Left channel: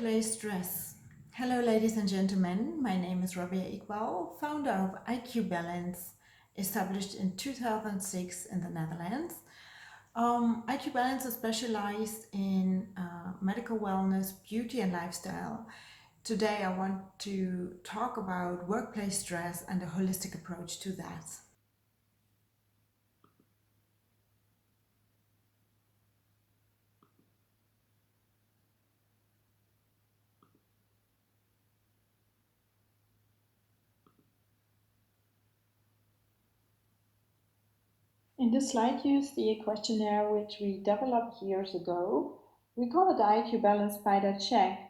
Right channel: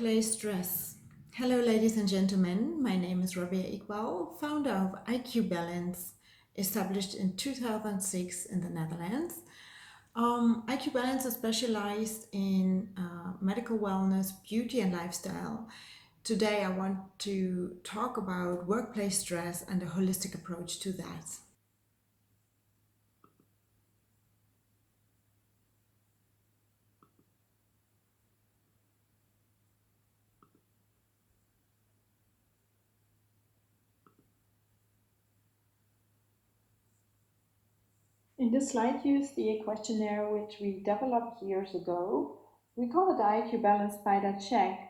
Workplace stress. Hello, ladies and gentlemen. My name is Rabea Iqbal, founder of IQ Balance, established in 2006 in the Netherlands. IQ Balance is specialized in medical wellness, beauty, and lifestyle. Today, I want to talk about workplace stress and a holistic approach to that. In this slide, you see a questionnaire which we developed years ago. We call it the IQ Balance Spider Check.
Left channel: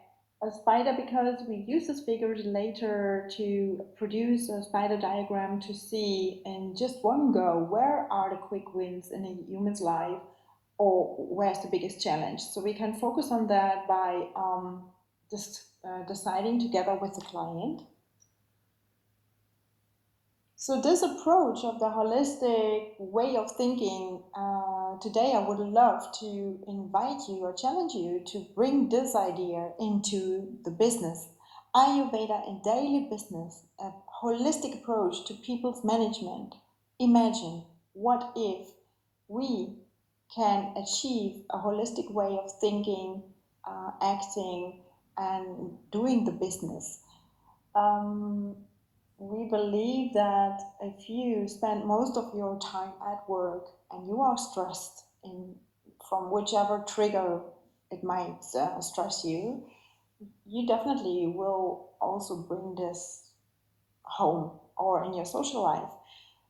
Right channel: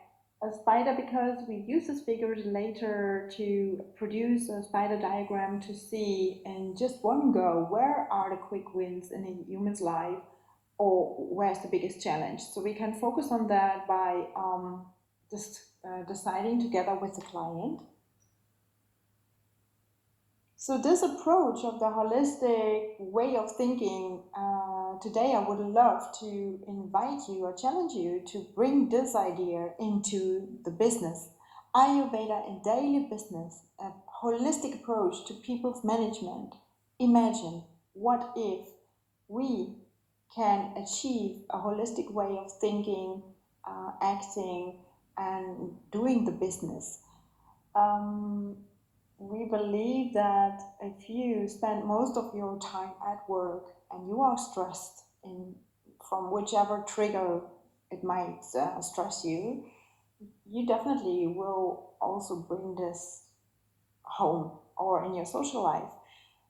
A spider because we use this figure later to produce a spider diagram to see in just one go where are the quick wins in a human's life or where's the biggest challenge. So we can focus on that by just deciding together with the client. So this approach of the holistic way of thinking, today I would love to invite you or challenge you to bring this idea into the business. Ayurveda in daily business, a holistic approach to people's management. Imagine what if we can achieve a holistic way of thinking, acting, and doing the business. Um, we believe that if you spend most of your time at work and you are stressed in from whichever trigger it might stress you, you definitely will also bring this home or in your social life.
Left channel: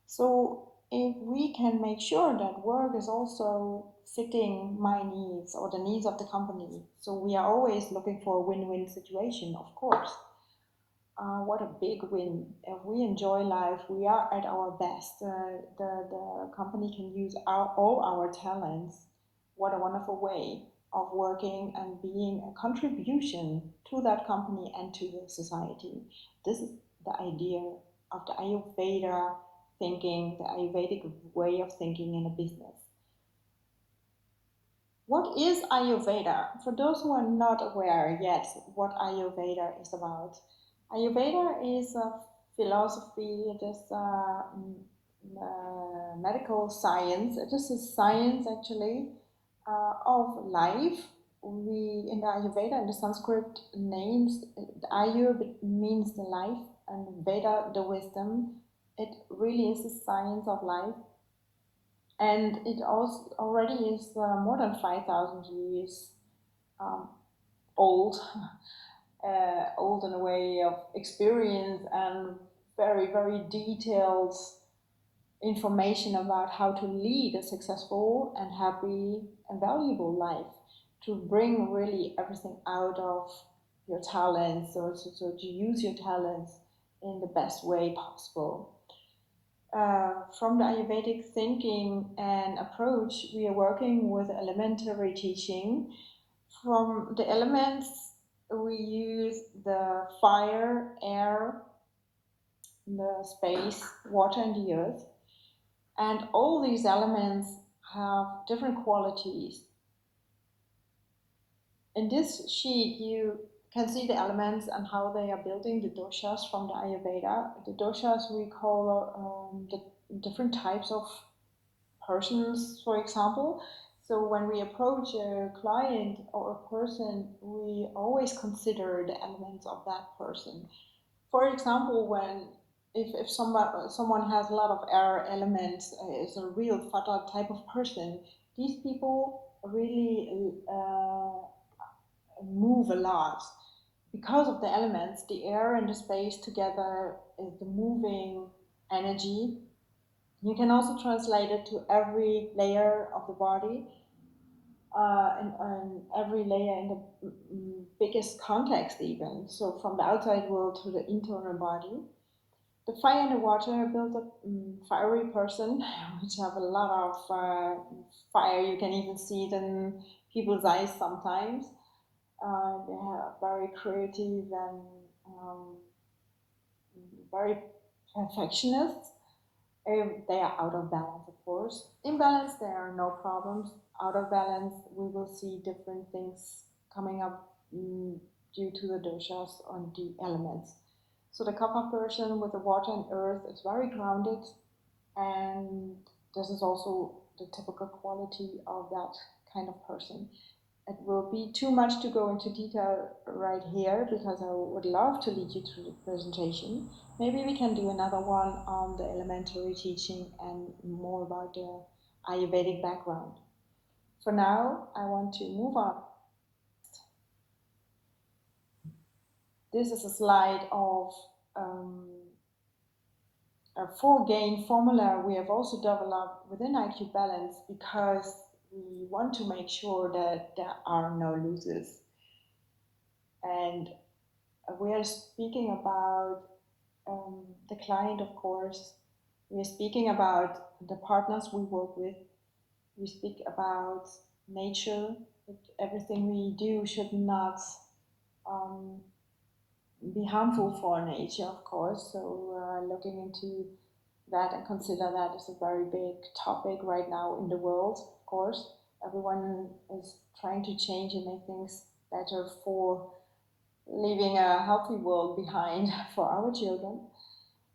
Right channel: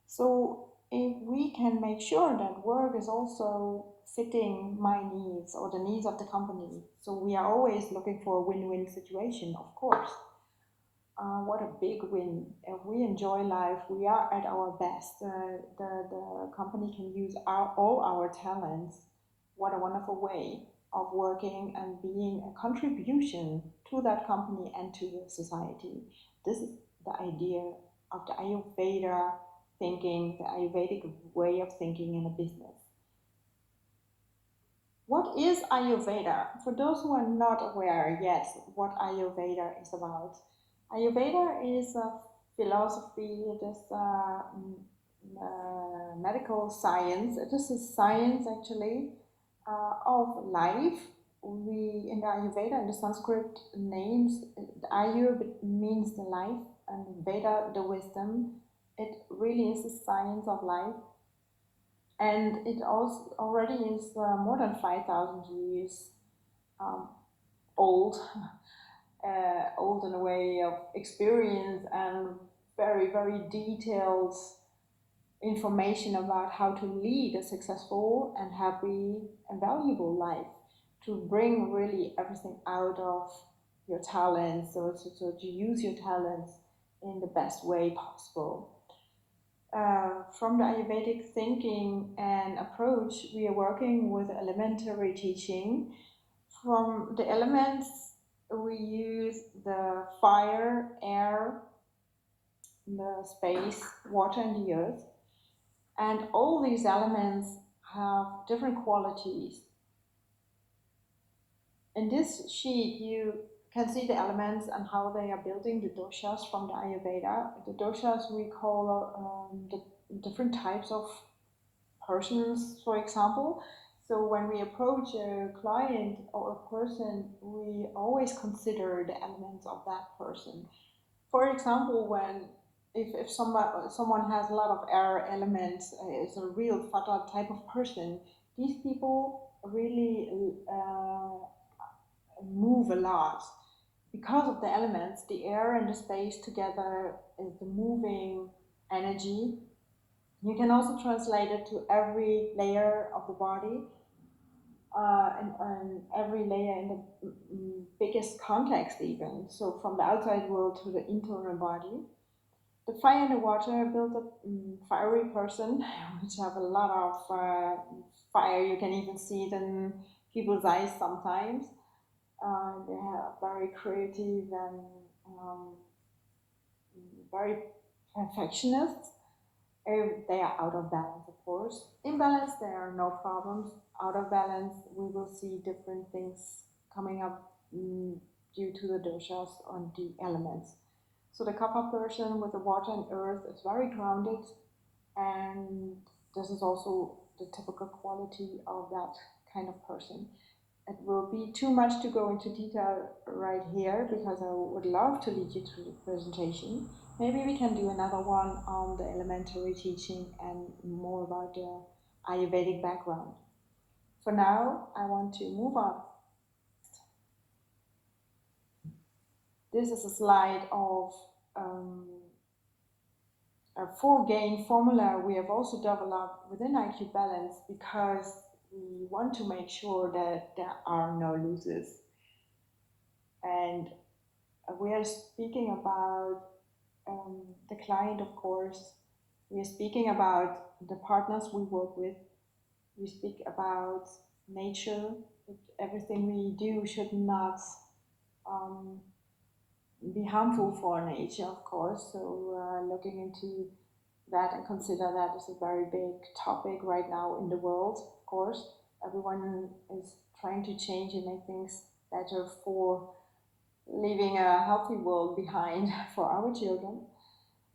So if we can make sure that work is also fitting my needs or the needs of the company, so we are always looking for a win-win situation, of course. What a big win. If we enjoy life, we are at our best. The company can use all our talents. What a wonderful way of working and being a contribution to that company and to the society. This is the idea of the Ayurveda thinking, the Ayurvedic way of thinking in a business. What is Ayurveda? For those who are not aware yet what Ayurveda is about, Ayurveda is a philosophy, it is medical science, it is a science actually of life. We in the Ayurveda, in the Sanskrit names, Ayur means the life and Veda the wisdom. It really is a science of life, and it also already is more than 5,000 years um, old, old in a way of experience and very, very detailed information about how to lead a successful and happy and valuable life, to bring really everything out of your talents, so to use your talents in the best way possible. From the Ayurvedic thinking and approach, we are working with elementary teaching. From the elements, we use the fire, air, the space, water, and the earth. And all these elements have different qualities. In this sheet, you can see the elements and how they are building the doshas from the Ayurveda. The doshas we call the different types of persons, for example. So when we approach a client or a person, we always consider the elements of that person. For example, when if someone has a lot of air elements, is a real fata type of person, these people really move a lot because of the elements. The air and the space together is the moving energy. You can also translate it to every layer of the body, and every layer in the biggest context even. So from the outside world to the internal body. The fire and the water build a fiery person, which have a lot of fire. You can even see it in people's eyes sometimes. They are very creative and very perfectionist. If they are out of balance, of course. In balance, there are no problems. Out of balance, we will see different things coming up. due to the doshas on the elements. So the kapha person with the water and earth is very grounded, and this is also the typical quality of that kind of person. It will be too much to go into detail right here because I would love to lead you through the presentation. Maybe we can do another one on the elementary teaching and more about the Ayurvedic background. For now, I want to move on. This is a slide of a 4-gain formula we have also developed within IQ Balance because we want to make sure that there are no losers. And we are speaking about the client, of course. We are speaking about the partners we work with. We speak about nature. That everything we do should not be harmful for nature, of course. So looking into that and consider that as a very big topic right now in the world, of course. Everyone is trying to change and make things better for leaving a healthy world behind for our children.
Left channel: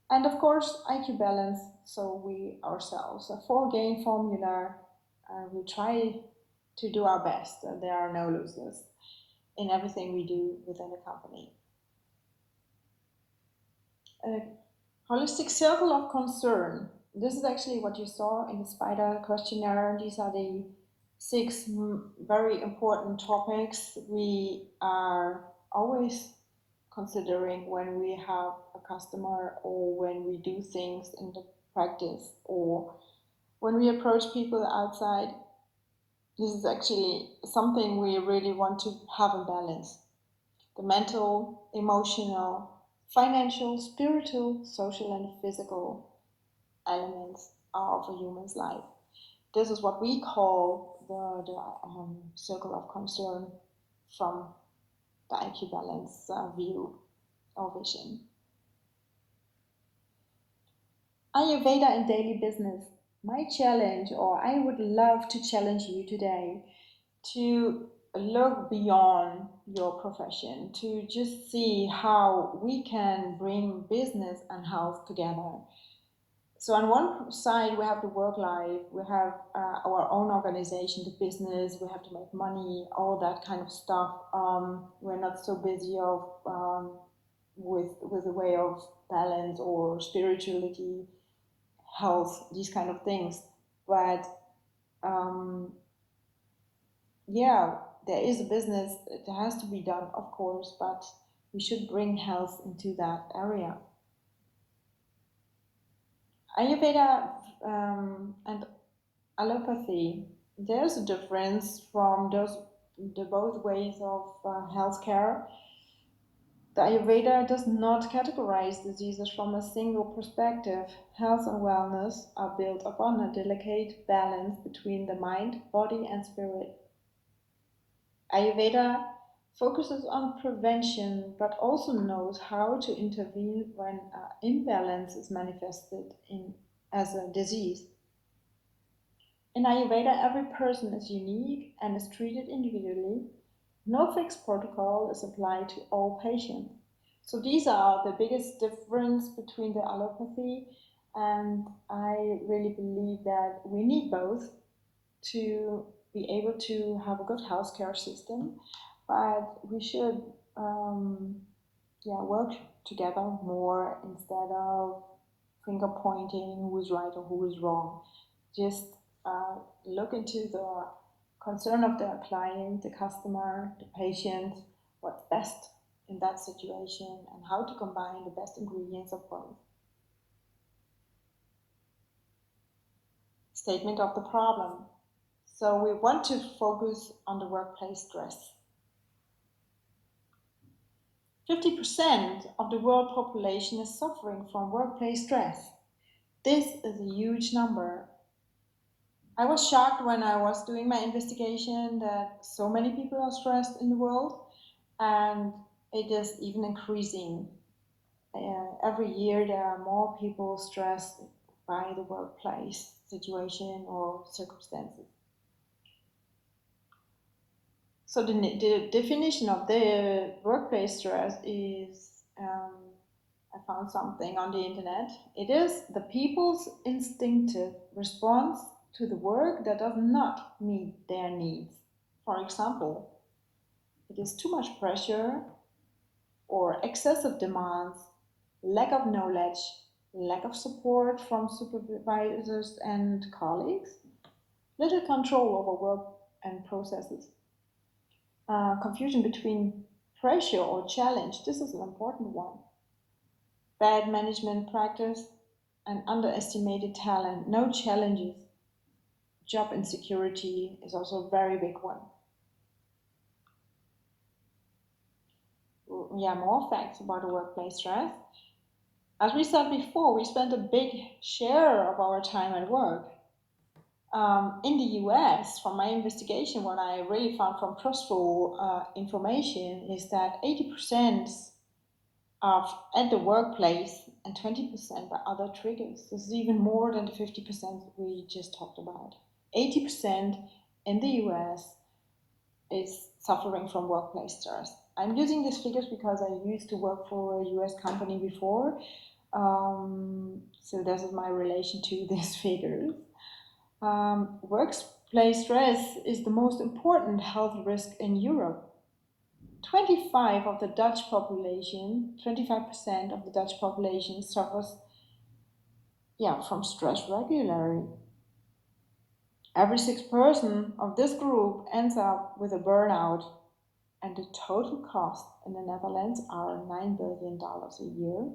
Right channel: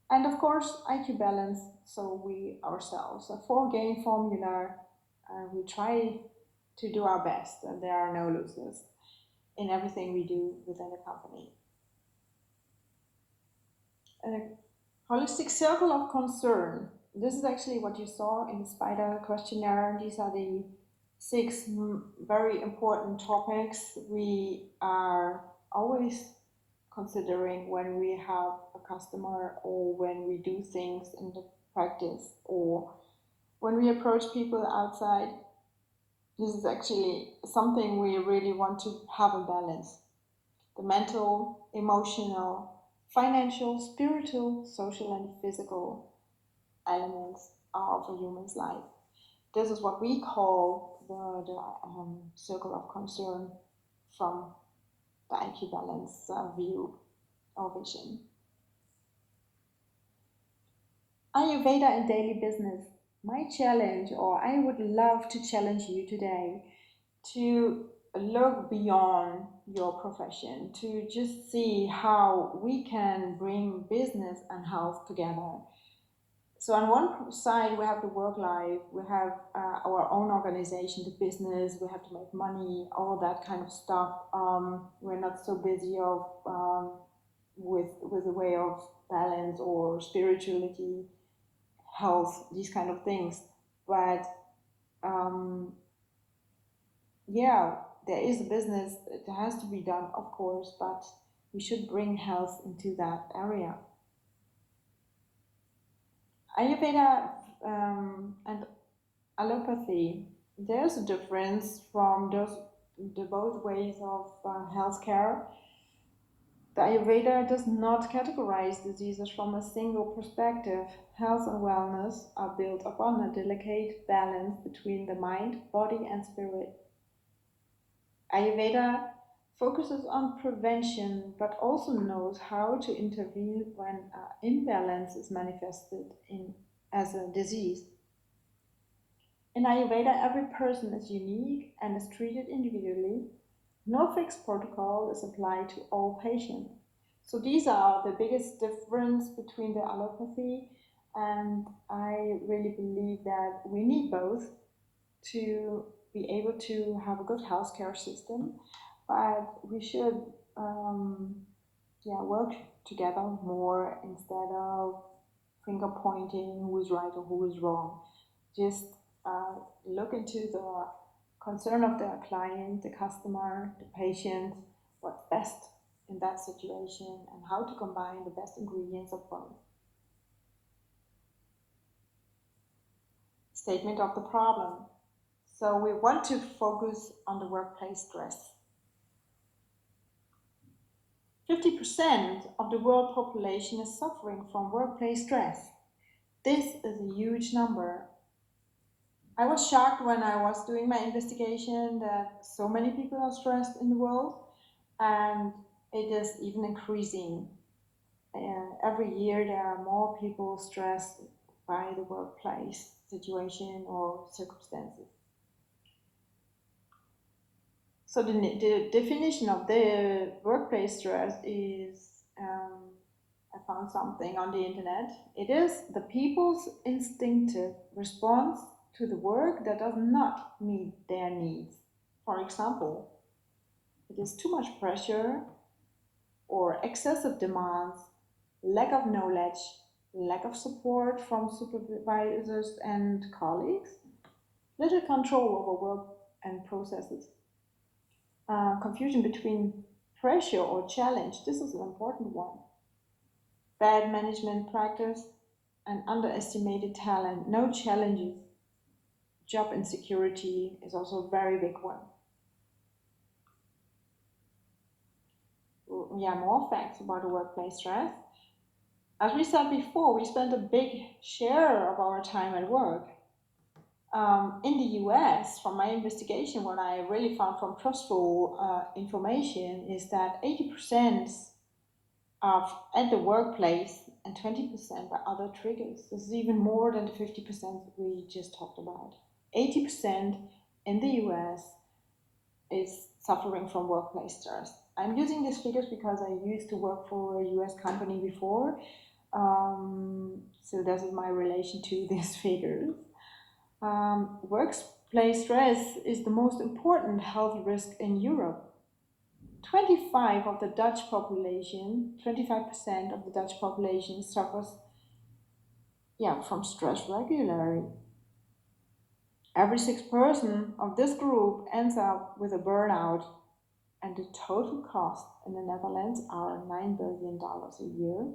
And of course, IQ Balance, so we ourselves, a 4-gain formula. We try to do our best, and there are no losers in everything we do within a company. A holistic circle of concern. This is actually what you saw in the spider questionnaire. These are the 6 very important topics we are always considering when we have a customer or when we do things in the practice or when we approach people outside. This is actually something we really want to have a balance. The mental, emotional, financial, spiritual, social, and physical elements of a human's life. This is what we call the circle of concern from the IQ Balance view or vision. Ayurveda and daily business. My challenge, or I would love to challenge you today to look beyond your profession, to just see how we can bring business and health together. So on one side we have the work life, we have our own organization, the business, we have to make money, all that kind of stuff. We're not so busy with a way of balance or spirituality, health, these kind of things. But yeah, there is a business that has to be done, of course, but we should bring health into that area. Ayurveda and allopathy, there's a difference from the both ways of healthcare. The Ayurveda does not categorize diseases from a single perspective. Health and wellness are built upon a delicate balance between the mind, body, and spirit. Ayurveda focuses on prevention but also knows how to intervene when imbalance is manifested as a disease. In Ayurveda, every person is unique and is treated individually. No fixed protocol is applied to all patients. So these are the biggest difference between the allopathy, and I really believe that we need both to be able to have a good healthcare system, but we should work together more instead of finger pointing who's right or who is wrong. Just look into the concern of the client, the customer, the patient, what's best in that situation, and how to combine the best ingredients of both. Statement of the problem. So we want to focus on the workplace stress. 50% of the world population is suffering from workplace stress. This is a huge number. I was shocked when I was doing my investigation that so many people are stressed in the world, and it is even increasing. Every year there are more people stressed by the workplace situation or circumstances. So the definition of the workplace stress is, I found something on the internet. It is the people's instinctive response to the work that does not meet their needs. For example, it is too much pressure or excessive demands, lack of knowledge, lack of support from supervisors and colleagues, little control over work and processes, confusion between pressure or challenge. This is an important one. Bad management practice and underestimated talent, no challenges. Job insecurity is also a very big one. Yeah, more facts about the workplace stress. As we said before, we spend a big share of our time at work. In the US, from my investigation, what I really found from trustful information is that 80% of at the workplace and 20% by other triggers. This is even more than the 50% we just talked about. 80% in the US is suffering from workplace stress. I'm using these figures because I used to work for a US company before. So this is my relation to these figures. Workplace stress is the most important health risk in Europe. 25 of the Dutch population, 25% of the Dutch population suffers, from stress regularly. Every sixth person of this group ends up with a burnout, and the total cost in the Netherlands are $9 billion a year.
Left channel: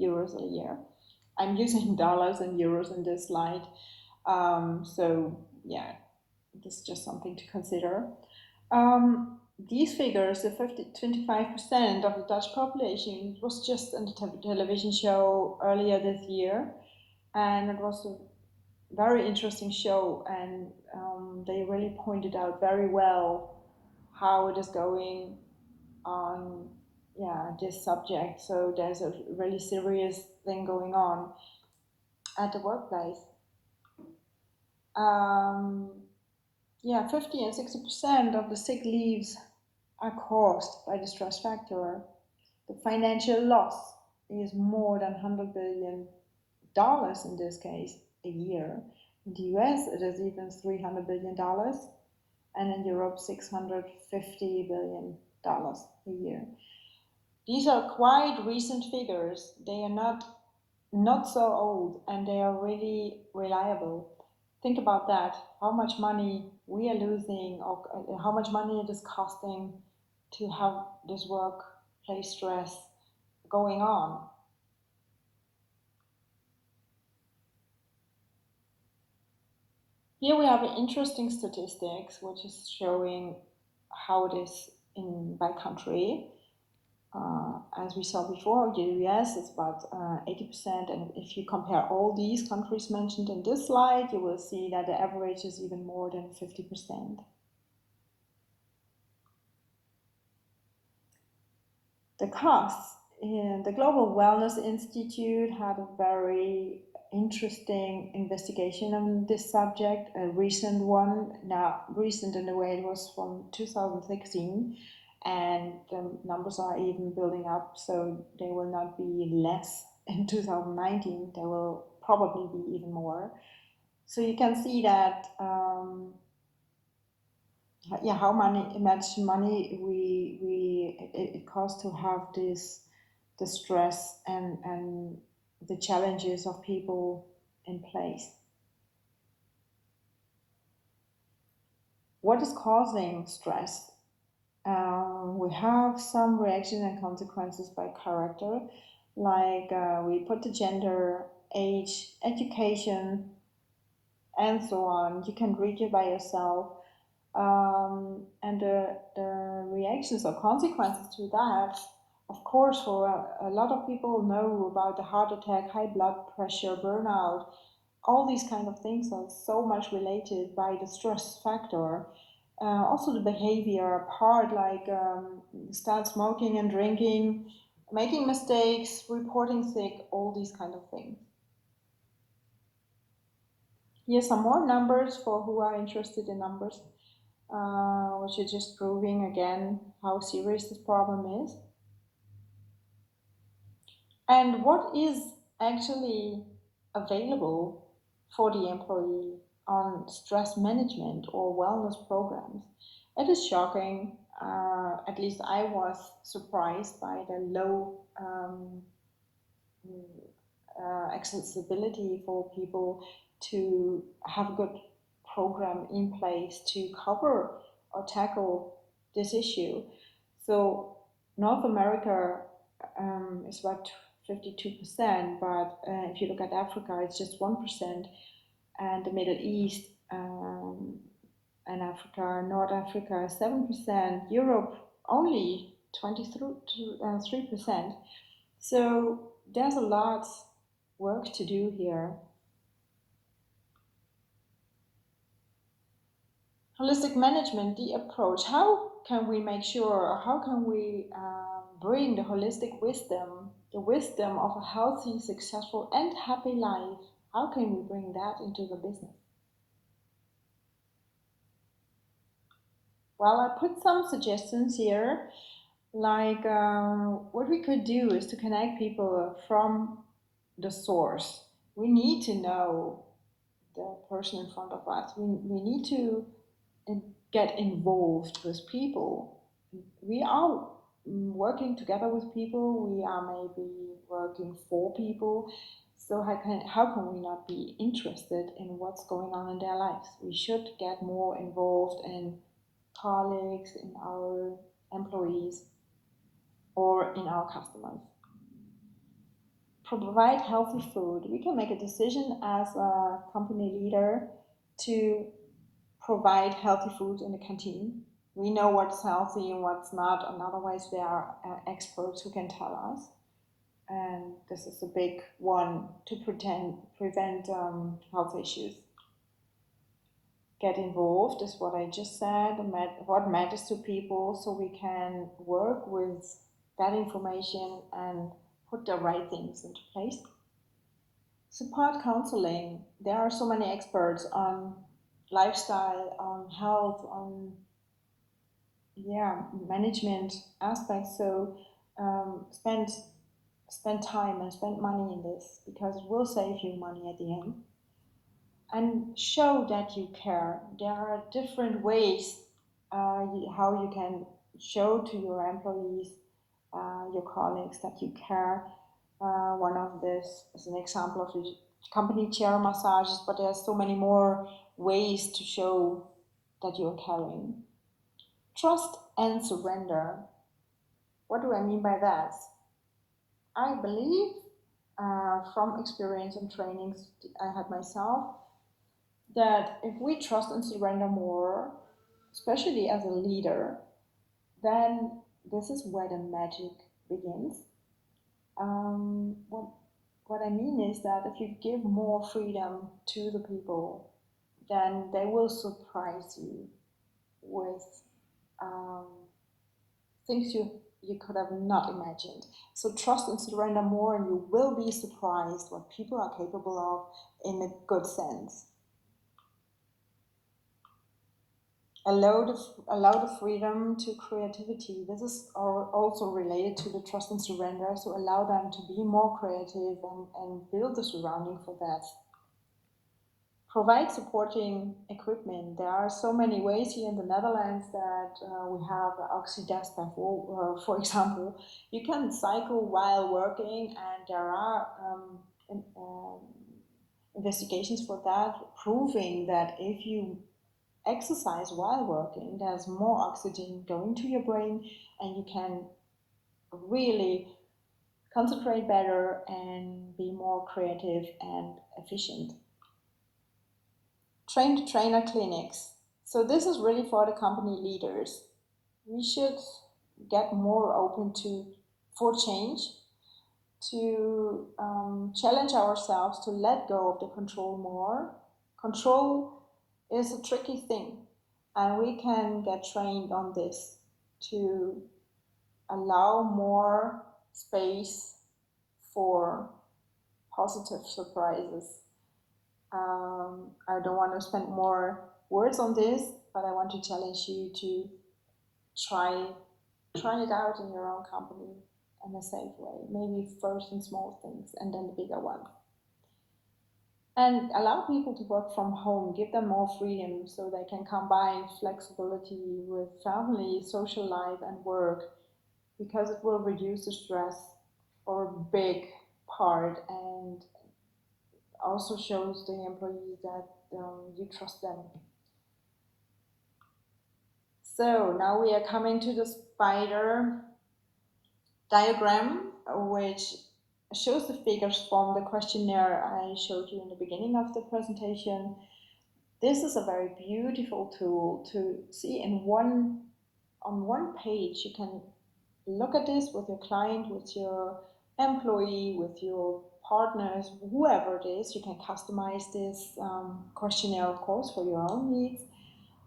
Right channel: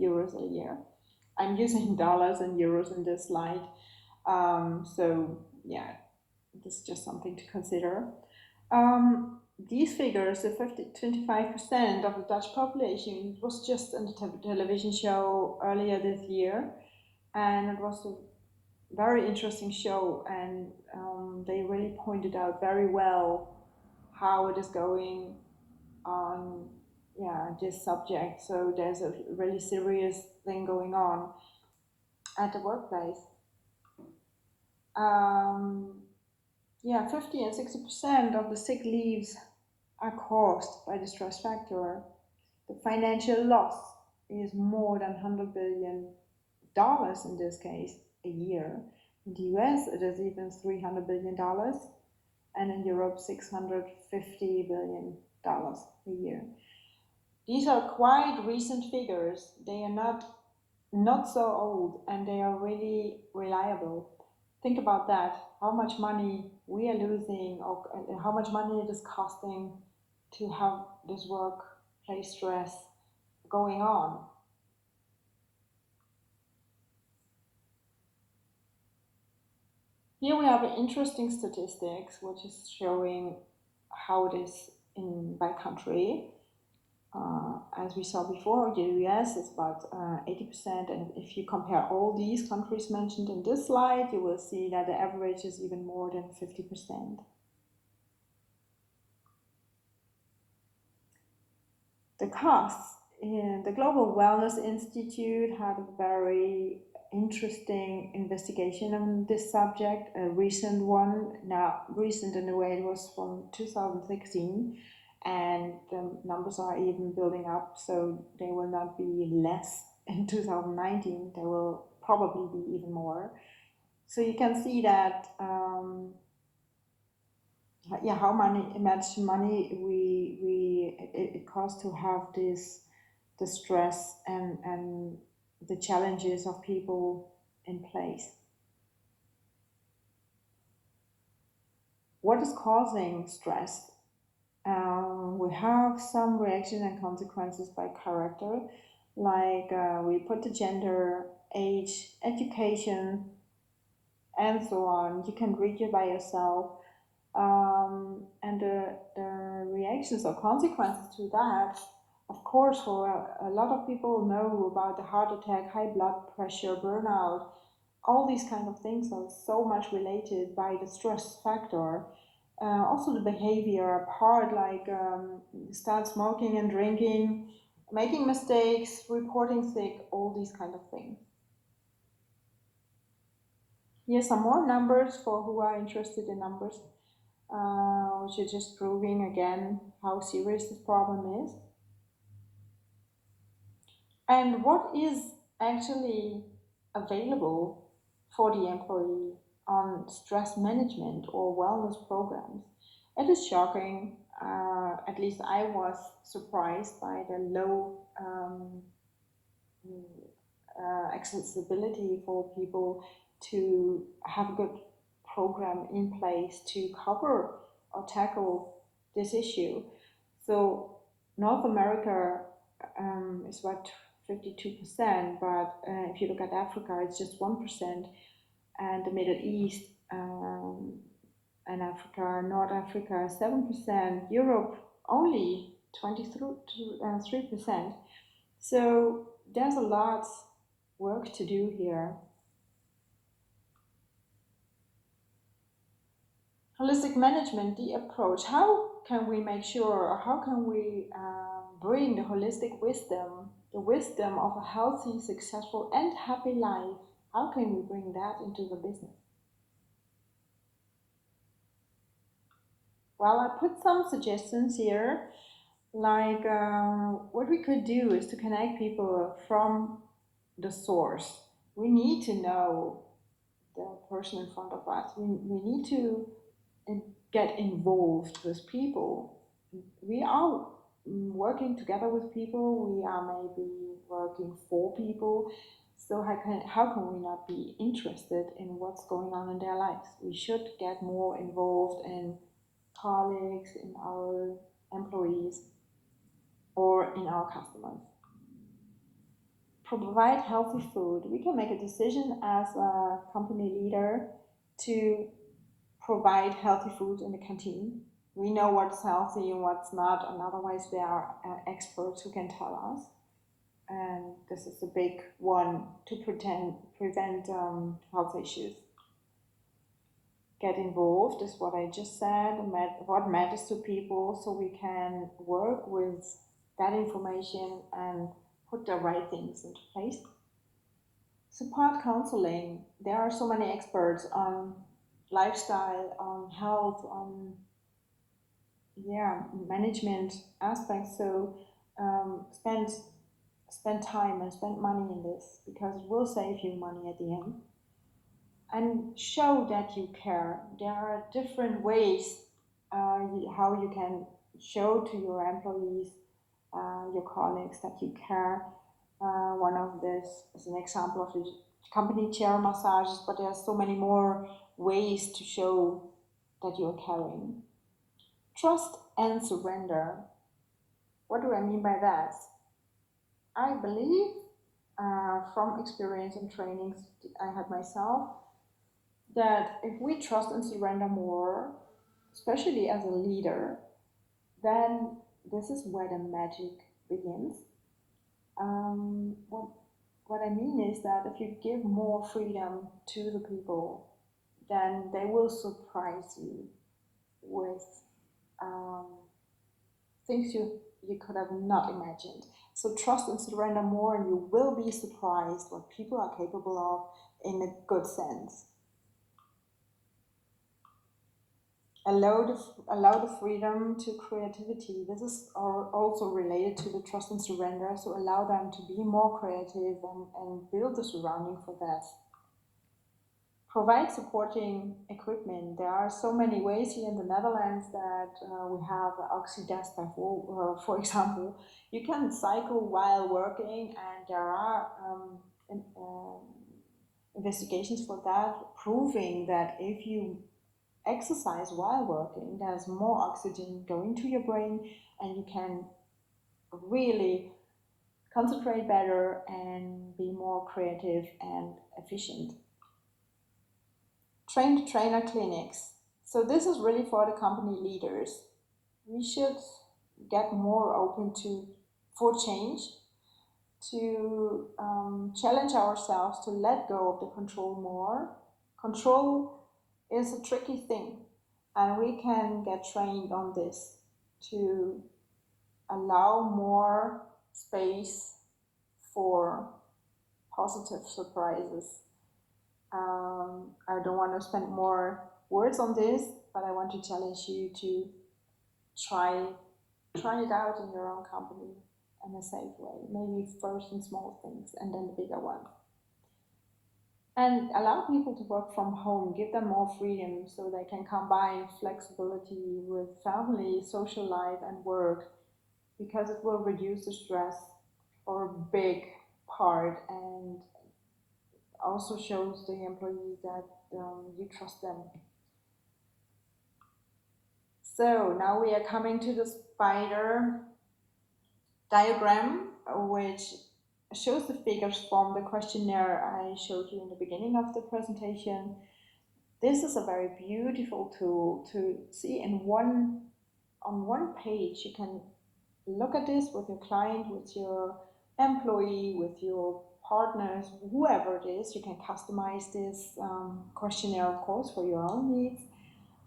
Euros a year. I'm using dollars and euros in this slide. This is just something to consider. These figures, the 25% of the Dutch population, was just in the television show earlier this year, and it was a very interesting show, and they really pointed out very well how it is going on, this subject. So there's a really serious thing going on at the workplace. 50 and 60% of the sick leaves are caused by the stress factor. The financial loss is more than $100 billion in this case a year. In the US, it is even $300 billion, and in Europe, $650 billion a year. These are quite recent figures. They are not so old, and they are really reliable. Think about that. How much money we are losing, or how much money it is costing to have this workplace stress going on. Here we have interesting statistics, which is showing how it is by country. As we saw before, the US is about 80%, and if you compare all these countries mentioned in this slide, you will see that the average is even more than 50%. The costs. The Global Wellness Institute had a very interesting investigation on this subject, a recent one, now recent in a way it was from 2016, and the numbers are even building up, so they will not be less in 2019, they will probably be even more. So you can see that how much money it costs to have the stress and the challenges of people in place. What is causing stress? We have some reaction and consequences by character, like we put the gender, age, education, and so on. You can read it by yourself. And the reactions or consequences to that, of course, for a lot of people know about the heart attack, high blood pressure, burnout. All these kind of things are so much related by the stress factor. Also the behavior part, like start smoking and drinking, making mistakes, reporting sick, all these kind of things. Here's some more numbers for who are interested in numbers. which is just proving again how serious this problem is. And what is actually available for the employee on stress management or wellness programs? It is shocking. At least I was surprised by the low accessibility for people to have a good program in place to cover or tackle this issue. So North America is about 52%, but if you look at Africa, it's just 1%, and the Middle East and Africa, North Africa, 7%, Europe only 23%. So there's a lot work to do here. Holistic management, the approach. How can we make sure, how can we bring the holistic wisdom, the wisdom of a healthy, successful, and happy life? How can we bring that into the business? Well, I put some suggestions here. Like what we could do is to connect people from the source. We need to know the person in front of us. We need to get involved with people. We are working together with people. We are maybe working for people. So how can we not be interested in what's going on in their lives? We should get more involved in colleagues, in our employees, or in our customers. Provide healthy food. We can make a decision as a company leader to provide healthy food in the canteen. We know what's healthy and what's not, and otherwise there are experts who can tell us. And this is a big one to prevent health issues. Get involved is what I just said, what matters to people, so we can work with that information and put the right things into place. Support counseling. There are so many experts on lifestyle, on health, on management aspects. So spend time and spend money in this because it will save you money at the end. And show that you care. There are different ways how you can show to your employees, your colleagues that you care. One of this is an example of the company chair massages, but there are so many more ways to show that you're caring. Trust and surrender. What do I mean by that? I believe from experience and trainings I had myself that if we trust and surrender more, especially as a leader, then this is where the magic begins. What I mean is that if you give more freedom to the people, then they will surprise you with um, things you could have not imagined. So trust and surrender more, and you will be surprised what people are capable of in a good sense. Allow the freedom to creativity. This is also related to the trust and surrender. So allow them to be more creative and build the surrounding for that. Provide supporting equipment. There are so many ways here in the Netherlands that we have Oxidespa, for example. You can cycle while working, and there are investigations for that proving that if you exercise while working, there's more oxygen going to your brain, and you can really concentrate better and be more creative and efficient. Trained trainer clinics. So this is really for the company leaders. We should get more open for change, to challenge ourselves to let go of the control more. Control is a tricky thing, and we can get trained on this to allow more space for positive surprises. I don't want to spend more words on this. but I want to challenge you to try try it out in your own company in a safe way. Maybe first in small things and then the bigger ones. And allow people to work from home, give them more freedom so they can combine flexibility with family, social life, and work because it will reduce the stress for a big part and also shows the employee that you trust them. So now we are coming to the spider diagram, which shows the figures from the questionnaire I showed you in the beginning of the presentation. This is a very beautiful tool to see in one on one page. You can look at this with your client, with your employee, with your partners, whoever it is. You can customize this questionnaire, of course, for your own needs.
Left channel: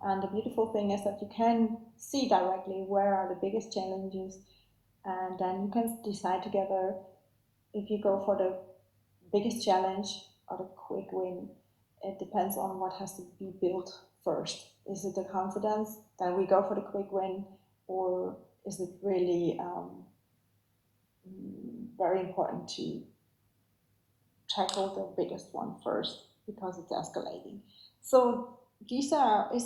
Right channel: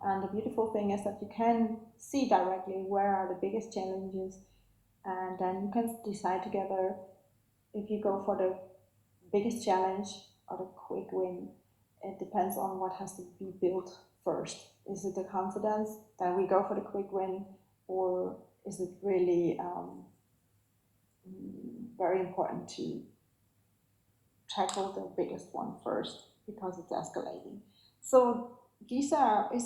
And the beautiful thing is that you can see directly where are the biggest challenges, and then you can decide together if you go for the biggest challenge or the quick win. It depends on what has to be built first. Is it the confidence? Then we go for the quick win, or is it really very important to tackle the biggest one first because it's escalating? So this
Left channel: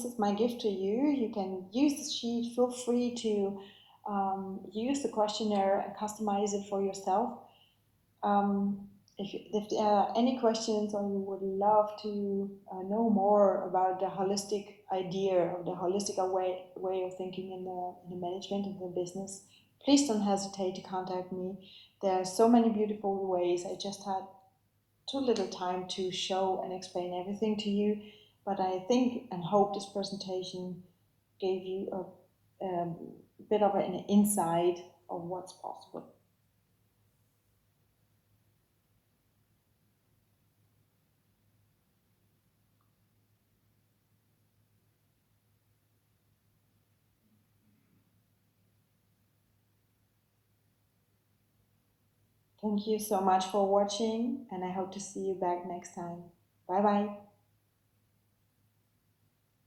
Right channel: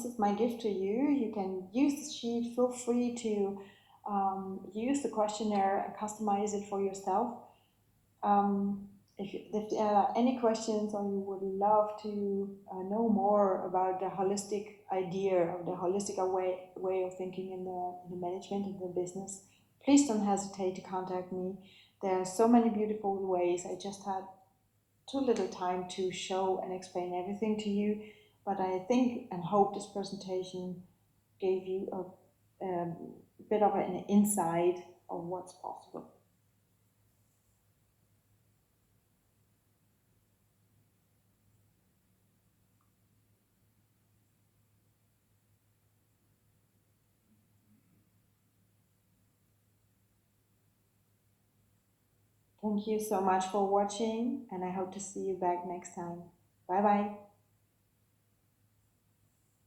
is my gift to you. You can use the sheet. Feel free to use the questionnaire and customize it for yourself. Um, if there are any questions or you would love to know more about the holistic idea or the holistic way of thinking in the management of the business, please don't hesitate to contact me. There are so many beautiful ways. I just had too little time to show and explain everything to you, but I think and hope this presentation gave you a bit of an insight of what's possible. Thank you so much for watching, and I hope to see you back next time. Bye bye.